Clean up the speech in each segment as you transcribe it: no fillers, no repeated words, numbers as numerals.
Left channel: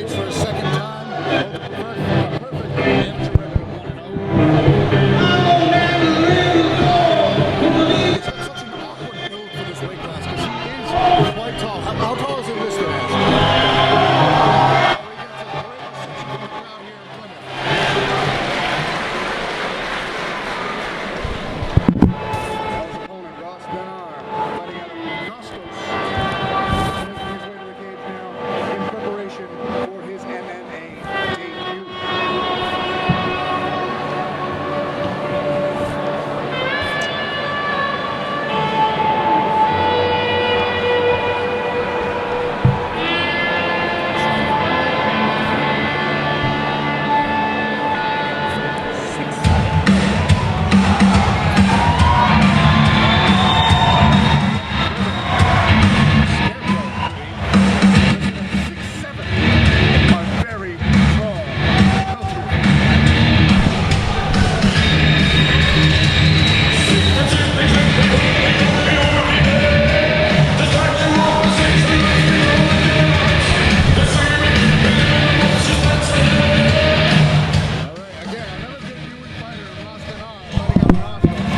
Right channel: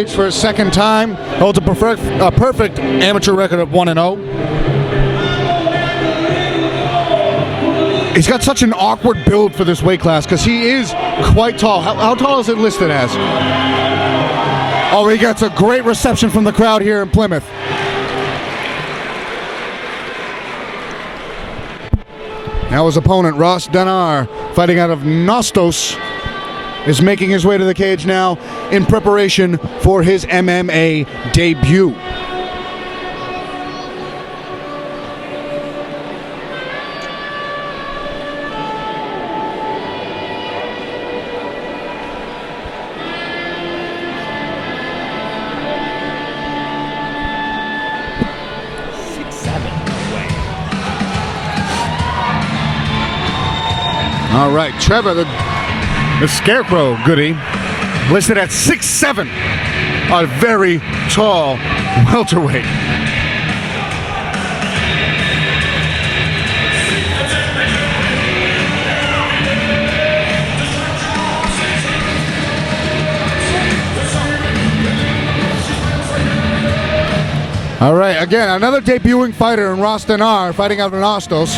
cage for a second time. Holds a perfect amateur record of 1-0. He's got such an awkward build for this weight class because he is quite tall. How tall is it listed as? Oh, he gets a great reception from the crowd here in Plymouth. Now his opponent, Ross Dannar, fighting out of Nostos, is making his way to the cage now in preparation for his MMA debut. All right, Trevor, the Scarecrow Gudde, listed at 6'7", a very tall welterweight. All right, again, another debuting fighter in Ross Dannar, fighting out in Ostos.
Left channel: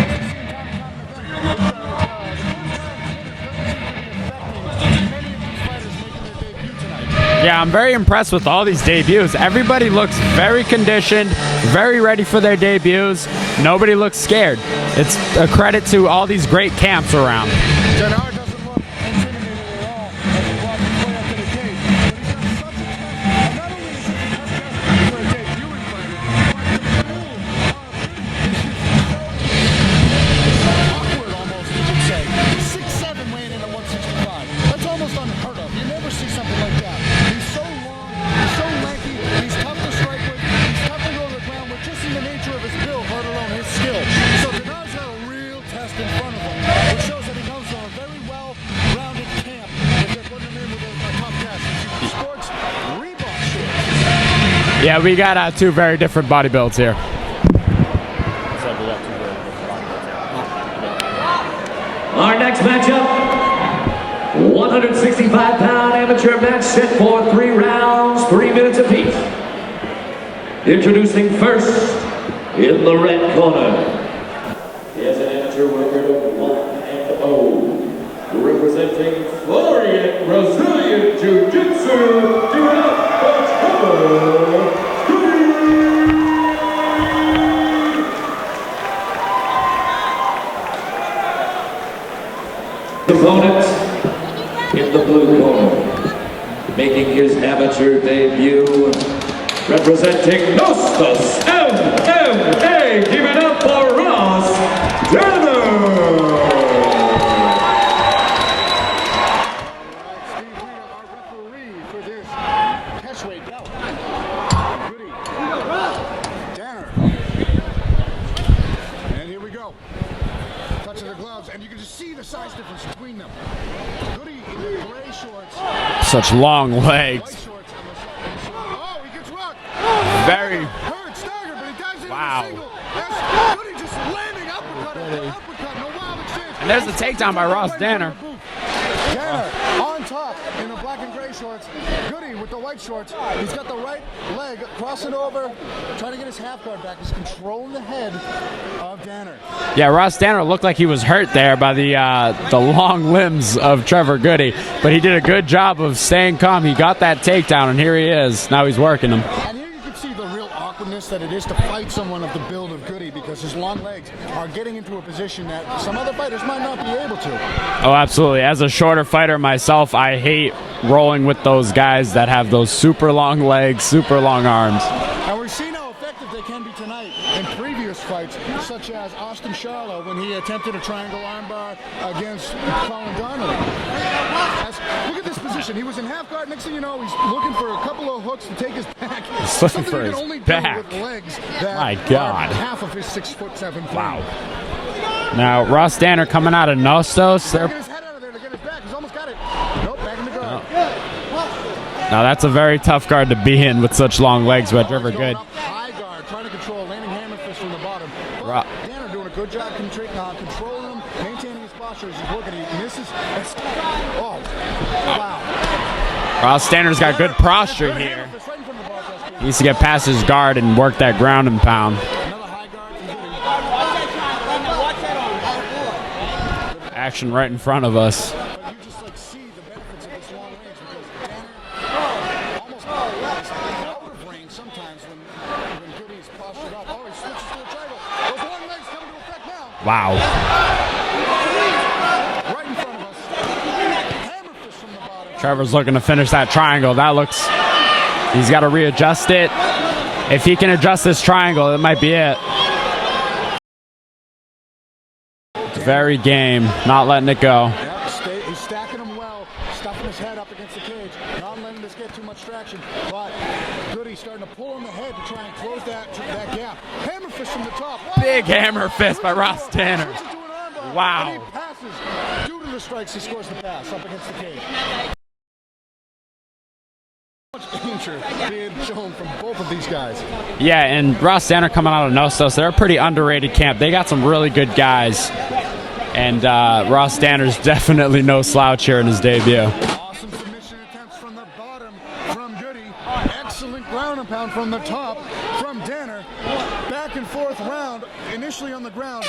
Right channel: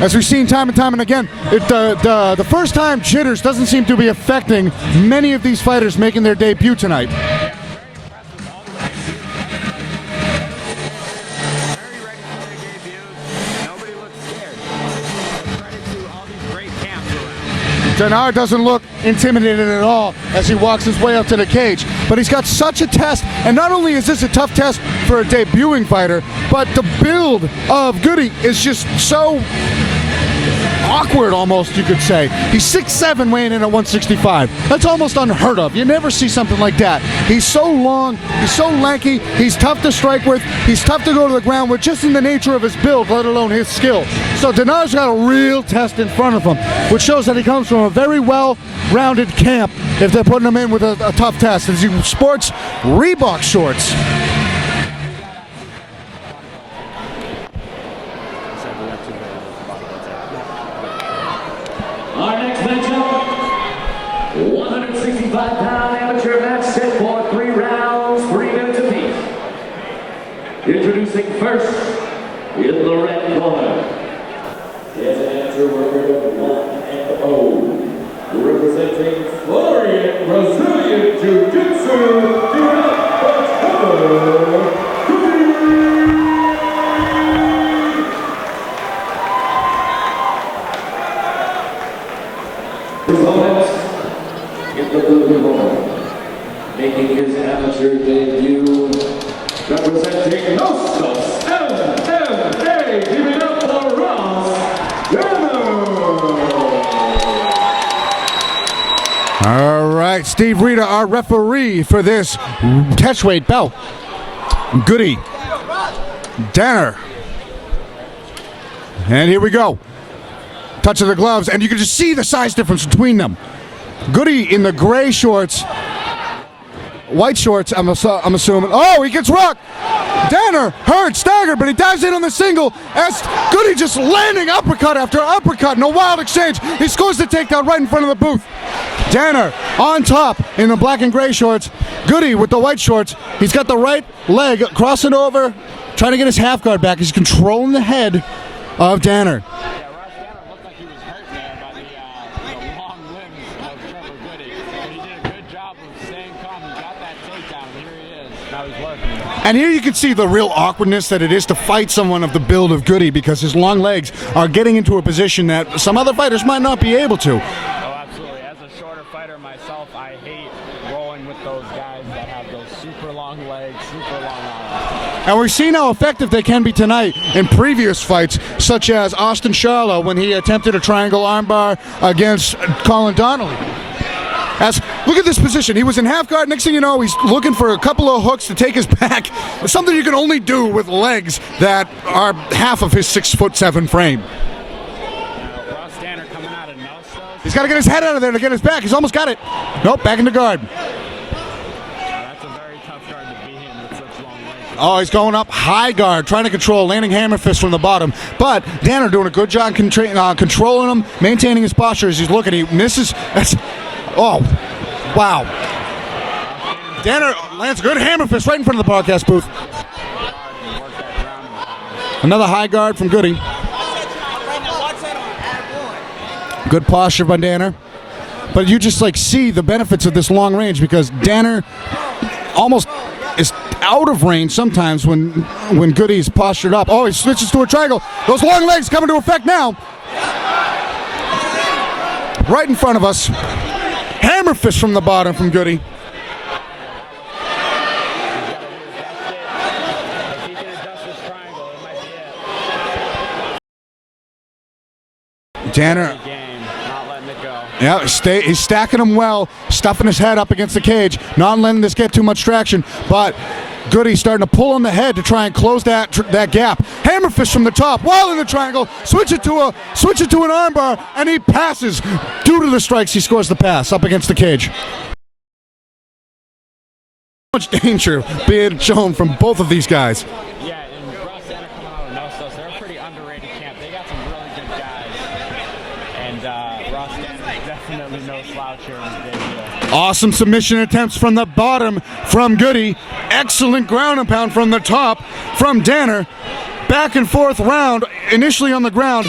As we've seen time and time and again, the first-time jitters doesn't seem to be affecting many of these fighters making their debut tonight. Yeah, I'm very impressed with all these debuts. Everybody looks very conditioned, very ready for their debuts. Nobody looks scared. It's a credit to all these great camps around. Dannar doesn't look intimidated at all as he walks his way up to the cage, but he's got such a test, and not only is this a tough test for a debuting fighter, but the build of Gudde is just so awkward, almost, you could say. He's 6'7", weighing in at 165. That's almost unheard of. You never see something like that. He's so long, he's so lanky, he's tough to strike with, he's tough to go to the ground with, just in the nature of his build, let alone his skill. So Dannar's got a real test in front of him, which shows that he comes from a very well-rounded camp if they're putting him in with a tough test. As he sports Reebok shorts. Yeah, we got two very different body builds here. Our next matchup, 165-pound amateur match set for 3 rounds, 3 minutes apiece. Introducing first, in the red corner, he has an amateur record of 1-0, representing Florian Brazilian Jiu-Jitsu, give it up for Trevor. Opponent in the blue corner, making his amateur debut, representing Nostos MMA, give it up for Ross Dannar. All right, Steve Rita, our referee for this catchweight bout. Gudde, Dannar, and here we go. Touch of the gloves, and you can just see the size difference between them. Gudde in the gray shorts. Such long legs. White shorts, I'm assuming. Oh, he gets rocked. Dannar hurt, staggered, but he dives in on the single as Gudde just landing uppercut after uppercut in a wild exchange. He scores the takedown right in front of the booth. Dannar on top in the black and gray shorts. Gudde with the white shorts. He's got the right leg crossing over, trying to get his half guard back. He's controlling the head of Dannar. Yeah, Ross Dannar looked like he was hurt there by the long limbs of Trevor Gudde, but he did a good job of staying calm. He got that takedown, and here he is. Now he's working him. And here you can see the real awkwardness that it is to fight someone of the build of Gudde, because his long legs are getting into a position that some other fighters might not be able to. Oh, absolutely. As a shorter fighter myself, I hate rolling with those guys that have those super long legs, super long arms. And we've seen how effective they can be tonight in previous fights, such as Austin Charlo when he attempted a triangle armbar against Colin Donnelly. Look at this position. He was in half guard. Next thing you know, he's looking for a couple of hooks to take his back. Something you can only do with legs that are half of his 6'7" frame. Now, Ross Dannar coming out of Nostos. He's got to get his head out of there to get his back. He's almost got it. Nope, back into guard. Now, that's a very tough guard to be in with such long legs. Oh, he's going up high guard, trying to control, landing hammer fist from the bottom. But Dannar doing a good job controlling him, maintaining his posture as he's looking. He misses. Oh, wow. Ross Danner's got good posture. Good hammer fist right in front of the broadcast booth. Needs to get past his guard and work that ground and pound. Another high guard from Gudde. Good posture by right Dannar. In front of us. But you just like see the benefits of this long range because Dannar almost is out of range sometimes when Gudde is postured up. Oh, he switches to a triangle. Those long legs come into effect now. Wow. Right in front of us. Hammer fist from the bottom from Trevor's Gudde. looking to finish that triangle. That looks... He's got to readjust it. If he can adjust this triangle, it might be it. Dannar, Very game, not letting it go. yeah, he's stacking him well, stuffing his head up against the cage, not letting this get too much traction, but Gudde starting to pull on the head to try and close that gap. Hammer fist from the top, while in the Big triangle, hammer fist switch by it to an armbar, Wow. and he passes. Due to the strikes, he scores the pass up against the cage. Much danger being shown from both of these guys. Yeah, and Ross Dannar coming out of Nostos, they're a pretty underrated camp. They got some really good guys. And Ross Danner's definitely no slouch here in his debut. Awesome submission attempts from the bottom from Gudde. Excellent ground and pound from the top from Dannar. Back and forth round, initially on the ground.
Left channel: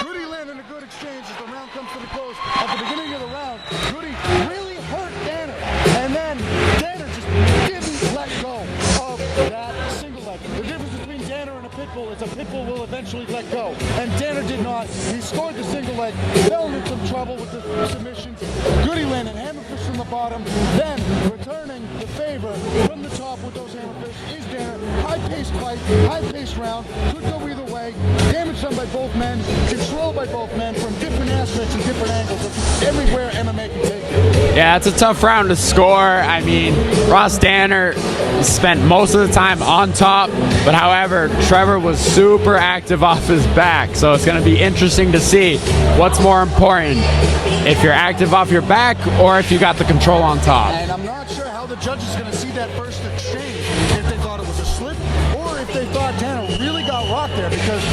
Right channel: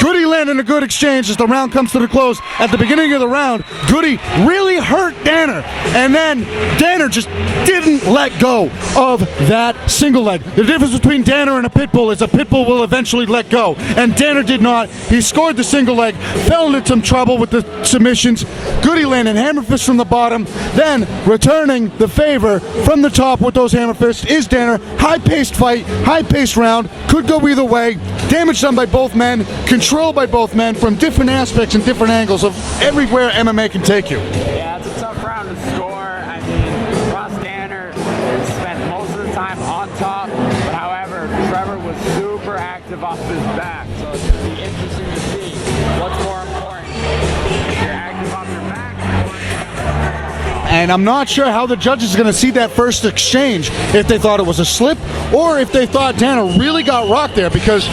Gudde landing a good exchange as the round comes to the close. At the beginning of the round, Gudde really hurt Dannar, and then Dannar just didn't let go of that single leg. The difference between Dannar and a pit bull is a pit bull will eventually let go, and Dannar did not. He scored the single leg, fell into some trouble with the submissions. Gudde landing hammer fist from the bottom, then returning the favor from the top with those hammer fists is Dannar. High-paced fight, high-paced round, could go either way. Damage done by both men, controlled by both men from different aspects and different angles of everywhere MMA can take you. Yeah, it's a tough round to score. I mean, Ross Dannar spent most of the time on top, but however, Trevor was super active off his back, so it's going to be interesting to see what's more important, if you're active off your back or if you got the control on top. And I'm not sure how the judges are going to see that first exchange, if they thought it was a slip or if they thought Dannar really got rocked there, because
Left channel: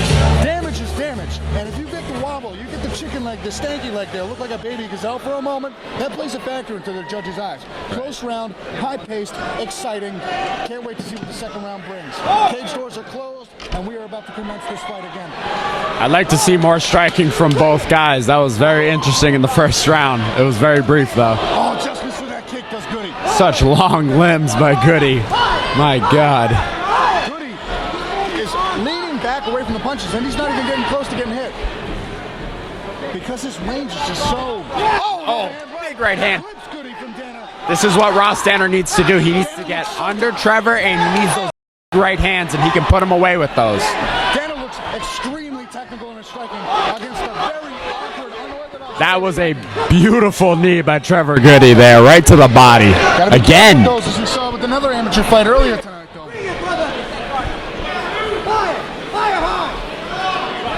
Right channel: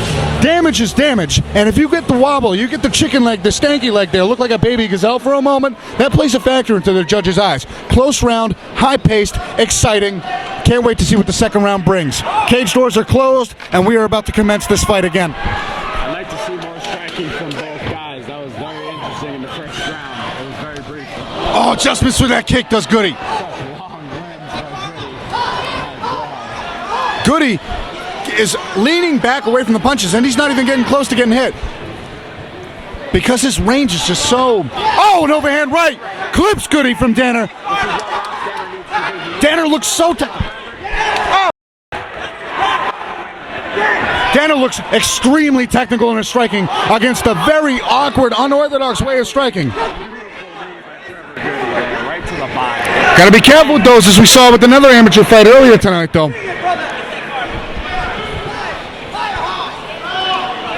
damage is damage, and if you get the wobble, you get the chicken leg, the stanky leg there, look like a baby gazelle for a moment, that plays a factor into the judges' eyes. Close round, high-paced, exciting. Can't wait to see what the second round brings. Cage doors are closed, and we are about to commence this fight again. I'd like to see more striking from both guys. That was very interesting in the first round. It was very brief, though. Oh, just missed with that kick does Gudde. Such long limbs by Gudde. My God. Gudde is leaning back away from the punches, and he's not even getting close to getting hit. Because his range is just so... Oh, an overhand right hand. Clips Gudde from Dannar. This is what Ross Dannar needs to do. He needs Dannar to looks get so under Trevor and use his right hands, and he can put him away with those. Dannar looks extremely technical in his striking against a very awkward, unorthodox way of striking. That was a beautiful knee by Trevor Gudde there, right to the body. Gotta be careful with those, as we saw with another amateur fight earlier tonight, though.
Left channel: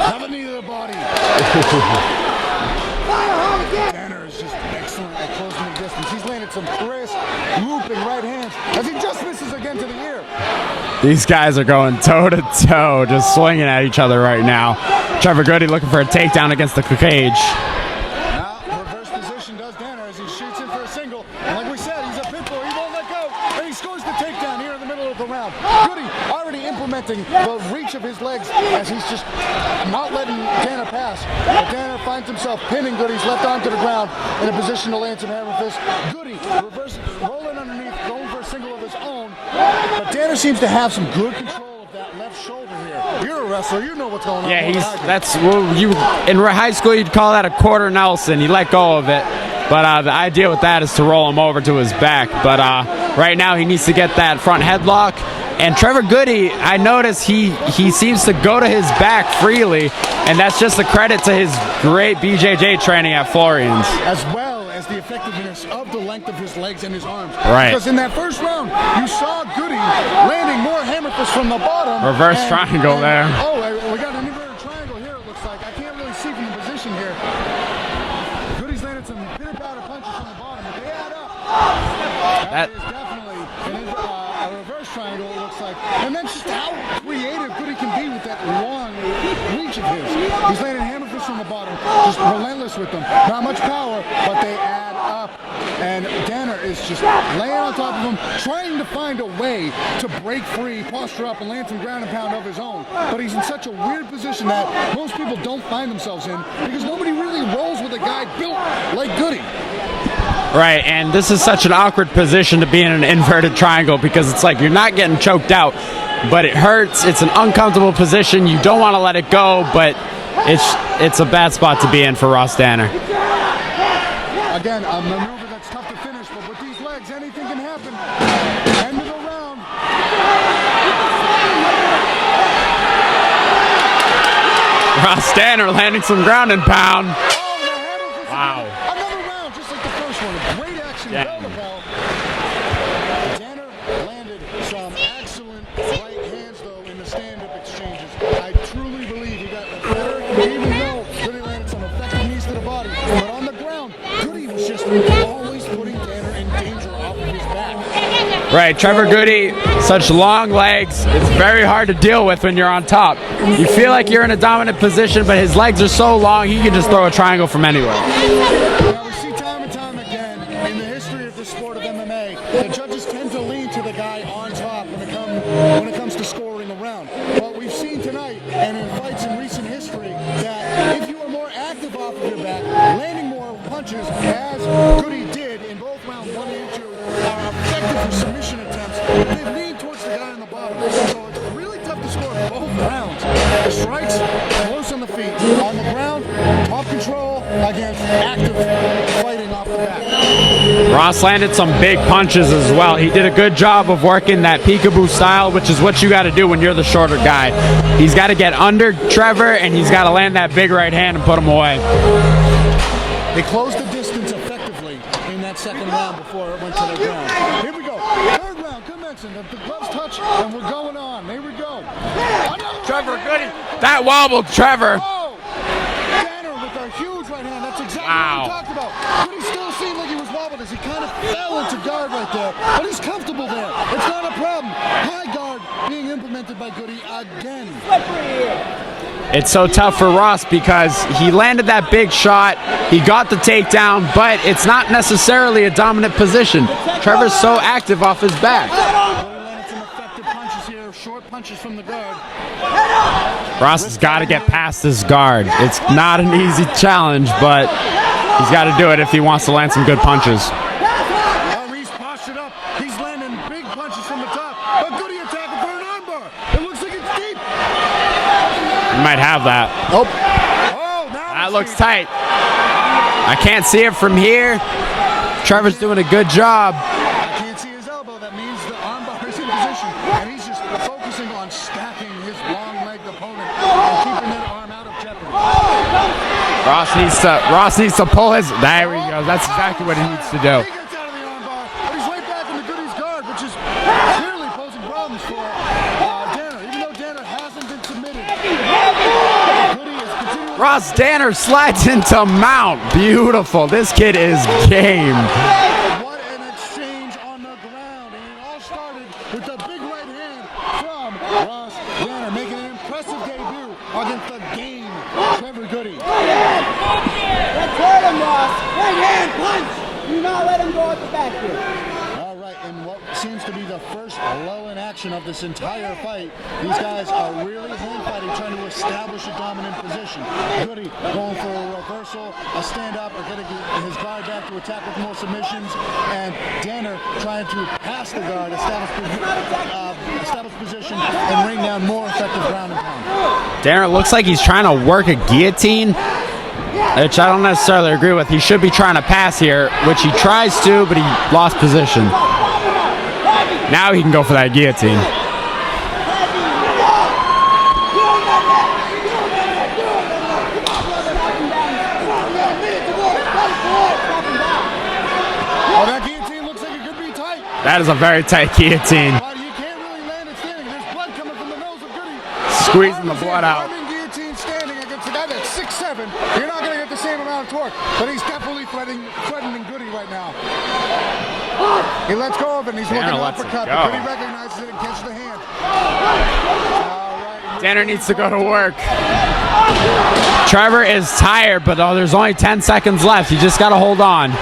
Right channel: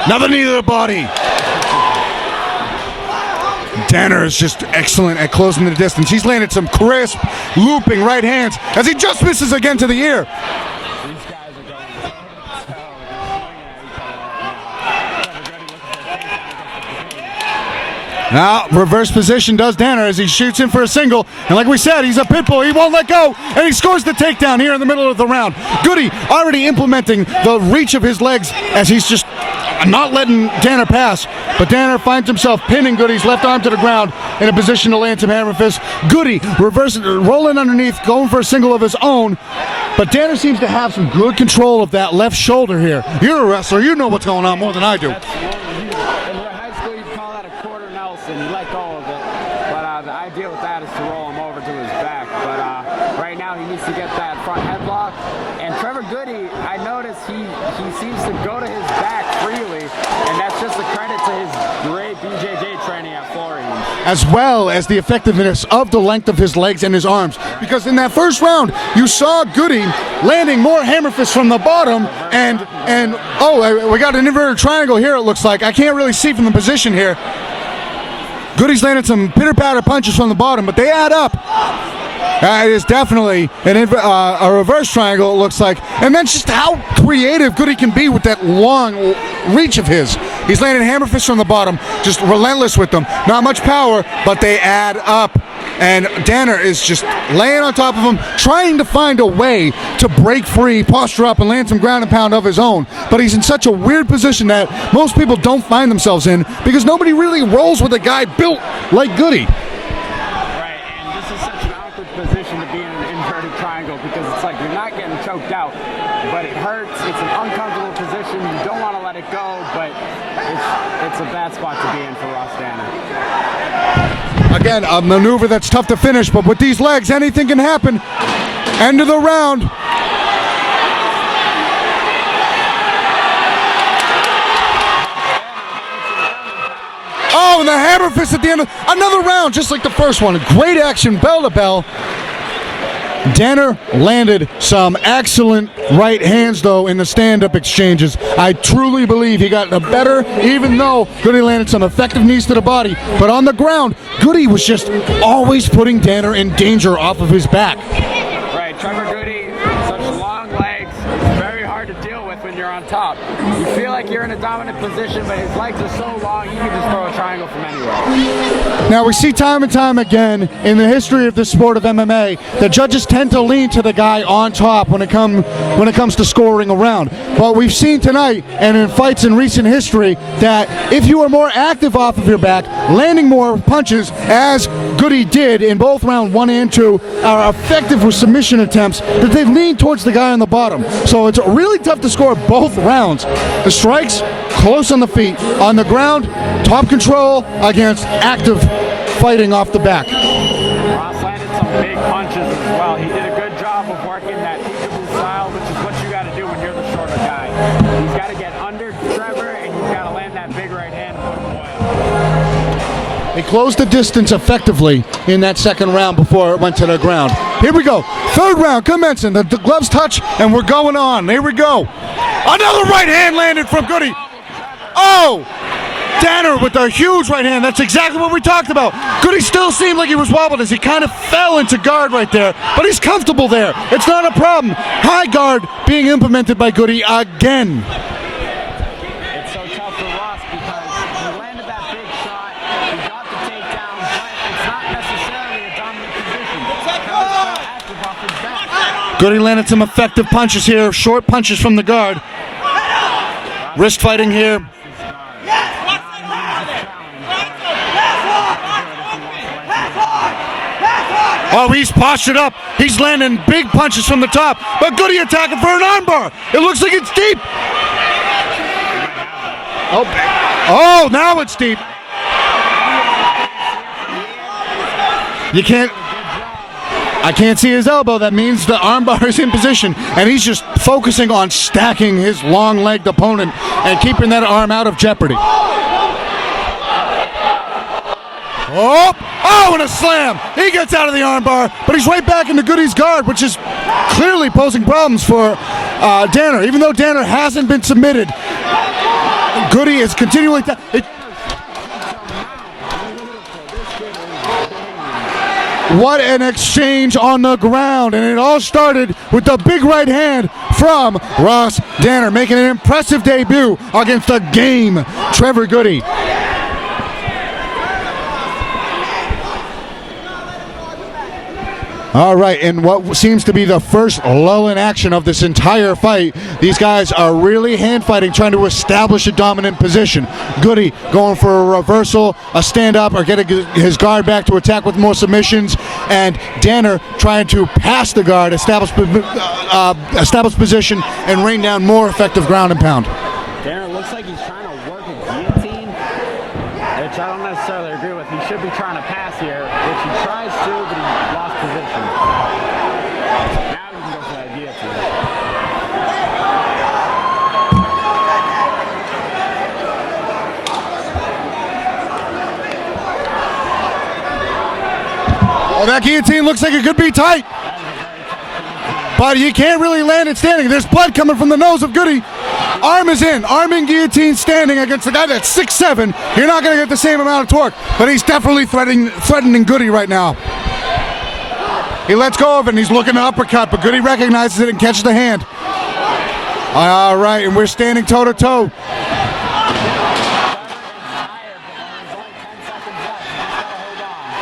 Another knee to the body. Dannar is just excellent at closing the distance. He's landed some crisp, looping right hands as he just misses again to the ear. These guys are going toe-to-toe, just swinging at each other right now. Trevor Gudde looking for a takedown against the cage. Now, reverse position does Dannar as he shoots in for a single. And like we said, he's a pit bull. He won't let go. And he scores the takedown here in the middle of the round. Gudde already implementing the reach of his legs as he's just not letting Dannar pass. But Dannar finds himself pinning Gudde's left arm to the ground in a position to land some hammer fists. Gudde rolling underneath, going for a single of his own. But Dannar seems to have some good control of that left shoulder here. You're a wrestler. You know what's going on more than I do. That's, well, in high school, you'd call that a quarter Nelson. You let go of it. But the idea with that is to roll him over to his back. But right now, he needs to get that front headlock. And Trevor Gudde, I notice he seems to go to his back freely, and that's just a credit to his great BJJ training at Florian's. As well as the effectiveness of the length of his legs and his arms. Right. Because in that first round, you saw Gudde landing more hammer fists from the bottom. Reverse triangle there. Oh, we got an inverted triangle here, it looks like. I can't really see from the position here. Gudde's landed some pitter-patter punches from the bottom, but they add up. It is definitely a reverse triangle, it looks like. And then just how creative Gudde can be with that long reach of his. He's landing hammer fists from the bottom, just relentless with them. Not much power, but they add up. and Dannar is just laying on top of him, trying to find a way to break free, posture up, and land some ground and pound of his own. But he's in such a weird position that most people don't find themselves in because nobody really rolls with a guy built like Gudde. Right, and this is such an awkward position to be in an inverted triangle because it's like you're not getting choked out, but it hurts. It's an uncomfortable position. You don't want to let it go, but it's a bad spot to be in for Ross Dannar. Again, a maneuver that's tough to finish, but with these legs, anything can happen. End of the round. Ross Dannar landing some ground and pound. Oh, and the hammer fist at the end of another round, just like the first one. Great action, bell to bell. Dannar landed some excellent right hands, though, in the stand-up exchanges. I truly believe he got the better, even though Gudde landed some effective knees to the body. But on the ground, Gudde was just always putting Dannar in danger off of his back. Right, Trevor Gudde, such long legs. It's very hard to deal with when you're on top. You feel like you're in a dominant position, but his legs are so long, he can just throw a triangle from anywhere. Now, we see time and time again in the history of the sport of MMA that judges tend to lean to the guy on top when it comes to scoring a round. But we've seen tonight and in fights in recent history that if you are more active off of your back, landing more punches, as Gudde did in both round 1 and 2, are effective with submission attempts, that they've leaned towards the guy on the bottom. So it's really tough to score both rounds. The strikes, close on the feet. On the ground, top control against active fighting off the back. Ross landed some big punches as well. He did a good job of working that peekaboo style, which is what you got to do when you're the shorter guy. He's got to get under Trevor, and he's got to land that big right hand and put him away. They closed the distance effectively in that second round before it went to the ground. Here we go. Third round commencing. The gloves touch, and we're going on. Here we go. Another right hand landed from Gudde. That wobbled Trevor. Oh! Dannar with a huge right hand. That's exactly what we talked about. Gudde still seemed like he was wobbled as he kind of fell into guard right there, but he's comfortable there. It's not a problem. High guard being implemented by Gudde again. It's so tough for Ross because he landed that big shot, he got the takedown, but it's not necessarily a dominant position. Trevor's so active off his back. Gudde landed some effective punches here, short punches from the guard. Ross has got to get past this guard. It's not an easy challenge, but he's got to do it if he wants to land some good punches. Oh, he's postured up. He's landing big punches from the top, but Gudde attacking for an armbar. It looks like it's deep. You might have that. Oh, now it's deep. Tight. I can't see it from here. Trevor's doing a good job. I can't see his elbow. That means the armbar is in position, and he's just focusing on stacking his long-legged opponent and keeping that arm out of jeopardy. Ross needs to pull his. And a slam! He gets out of the armbar, but he's right back into Gudde's guard, which is clearly posing problems for Dannar. Even though Dannar hasn't been submitted, Gudde is continually. Ross Dannar slides into mount. Beautiful. This kid is game. What an exchange on the ground, and it all started with the big right hand from Ross Dannar, making an impressive debut against the game Trevor Gudde. All right, and what seems to be the first lull in action of this entire fight, these guys are really hand fighting, trying to establish a dominant position. Gudde going for a reversal, a stand-up, or getting his guard back to attack with more submissions, and Dannar trying to pass the guard, establish position, and rain down more effective ground and pound. Dannar looks like he's trying to work a guillotine, which I don't necessarily agree with. He should be trying to pass here, which he tries to, but he lost position. Now he can go for that guillotine. That guillotine looks like it could be tight. That is a very tight guillotine. But you can't really land it standing. There's blood coming from the nose of Gudde. Arm is in. Arming guillotine standing against the guy that's 6'7". You're not going to get the same amount of torque, but he's definitely threatening Gudde right now. He lets go of it, and he's looking to uppercut, but Gudde recognizes it and catches the hand. All right, and we're standing toe-to-toe. Trevor is tired, but there's only 10 seconds left. You just got to hold on.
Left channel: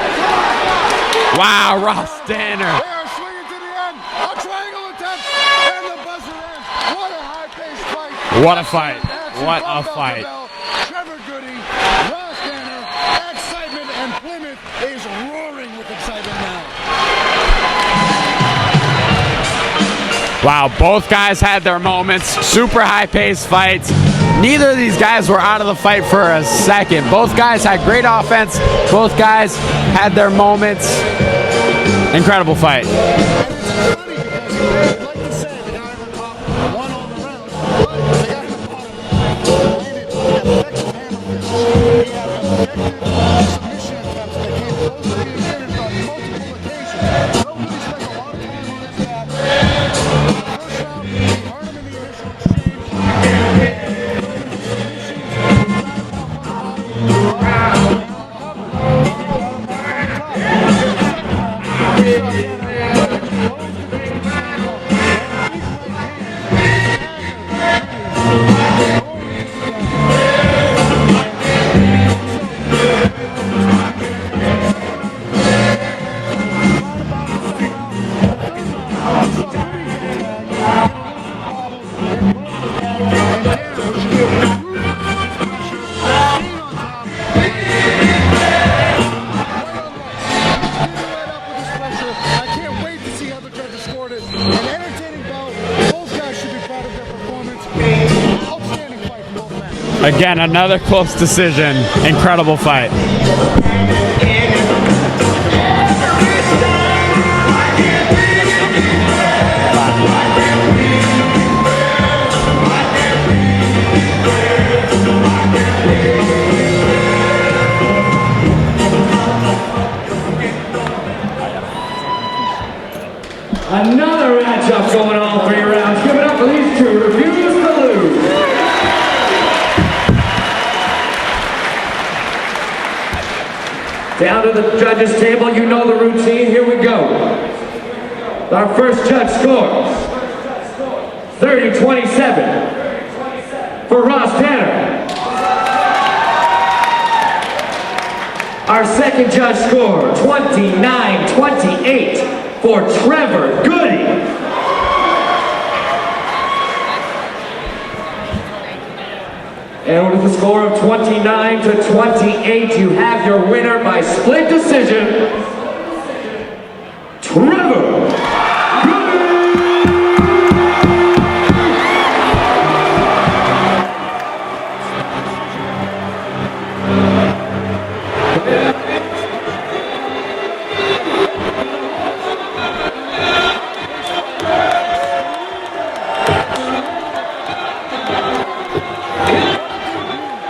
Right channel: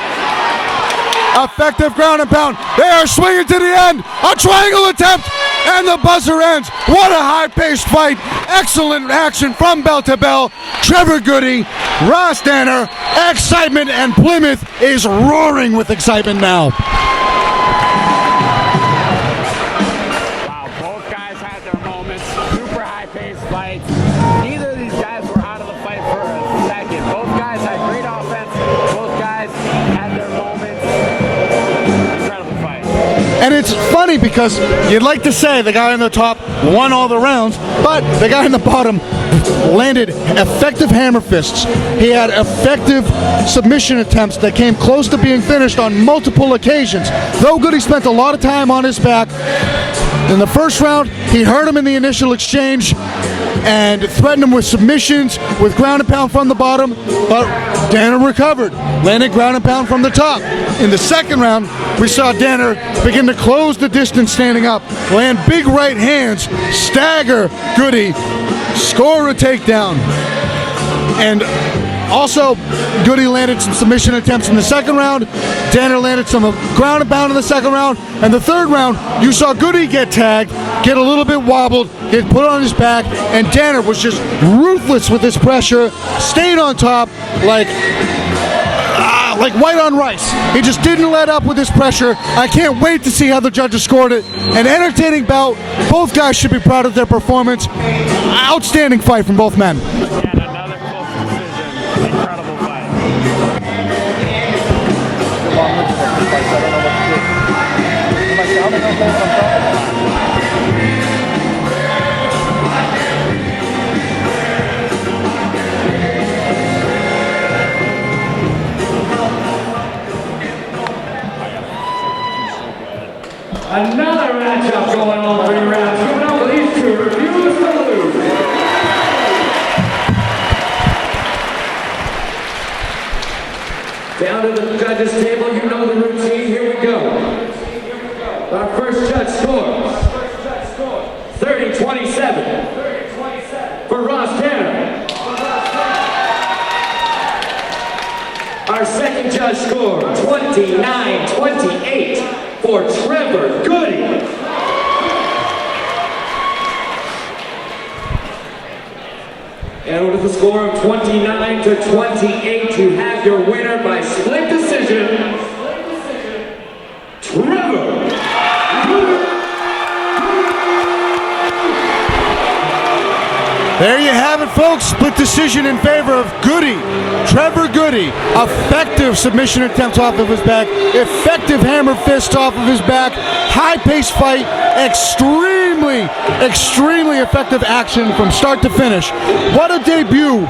Effective Ross ground and pound. Dannar. They are swinging to the end. A triangle attempt, and the buzzer ends. What a high-paced fight. What a Excellent fight. action What from a bell to fight. bell. Trevor Gudde, Ross Dannar, excitement, and Plymouth is roaring with excitement now. Wow, both guys had their moments. Super high-paced fights. Neither of these guys were out of the fight for a second. Both guys had great offense. Both guys had their moments. Incredible fight. And it's funny because you'd like to say the guy on the top won all the rounds, but the guy on the bottom landed effective hammer fists. He had effective submission attempts that came close to being finished on multiple occasions. Though Gudde spent a lot of time on his back, in the first round, he hurt him in the initial exchange and threatened him with submissions, with ground and pound from the bottom, but Dannar recovered, landed ground and pound from the top. In the second round, we saw Dannar begin to close the distance standing up, land big right hands, stagger Gudde, score a takedown. And also, Gudde landed some submission attempts in the second round. Dannar landed some ground and pound in the second round. And the third round, you saw Gudde get tagged, get a little bit wobbled, get put on his back, and Dannar was just ruthless with his pressure, stayed on top like white on rice. He just didn't let up with his pressure. I can't wait to see how the judges scored it. An entertaining bout. Both guys should be proud of their performance. Outstanding fight from both men. Again, another close decision. Incredible fight. Another matchup going on 3 rounds. Coming up for these two, refuse to lose. Down to the judges' table, you know the routine. Here we go. Our first judge scores 30-27 for Ross Dannar. Our second judge score 29-28 for Trevor Gudde. And with a score of 29-28, you have your winner by split decision, Trevor Gudde. There you have it, folks. Split decision in favor of Gudde. Trevor Gudde. Effective submission attempt off of his back. Effective hammer fist off of his back. High-paced fight. Extremely effective action from start to finish. What a debut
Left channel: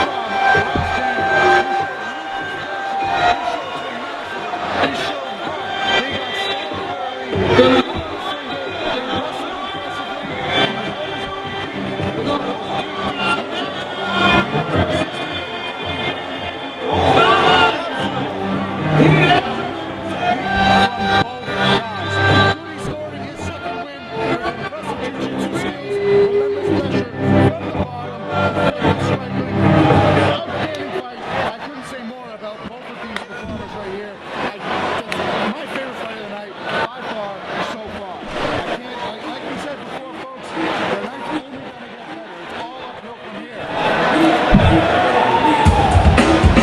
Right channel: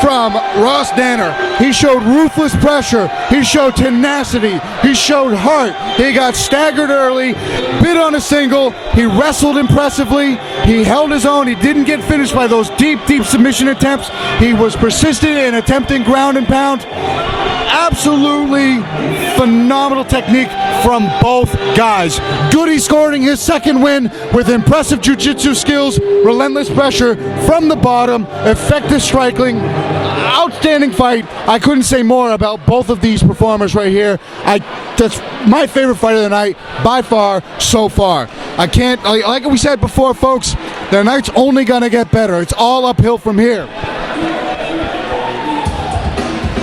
from Ross Dannar. He showed ruthless pressure. He showed tenacity. He showed heart. He got staggered early, bit on a single. He wrestled impressively. He held his own. He didn't get finished by those deep submission attempts. He was persistent in attempting ground and pound. Absolutely phenomenal technique from both guys. Gudde scoring his second win with impressive jiu-jitsu skills, relentless pressure from the bottom, effective striking, outstanding fight. I couldn't say more about both of these performers right here. That's my favorite fight of the night by far so far. I can't, like we said before, folks, the night's only gonna get better. It's all uphill from here.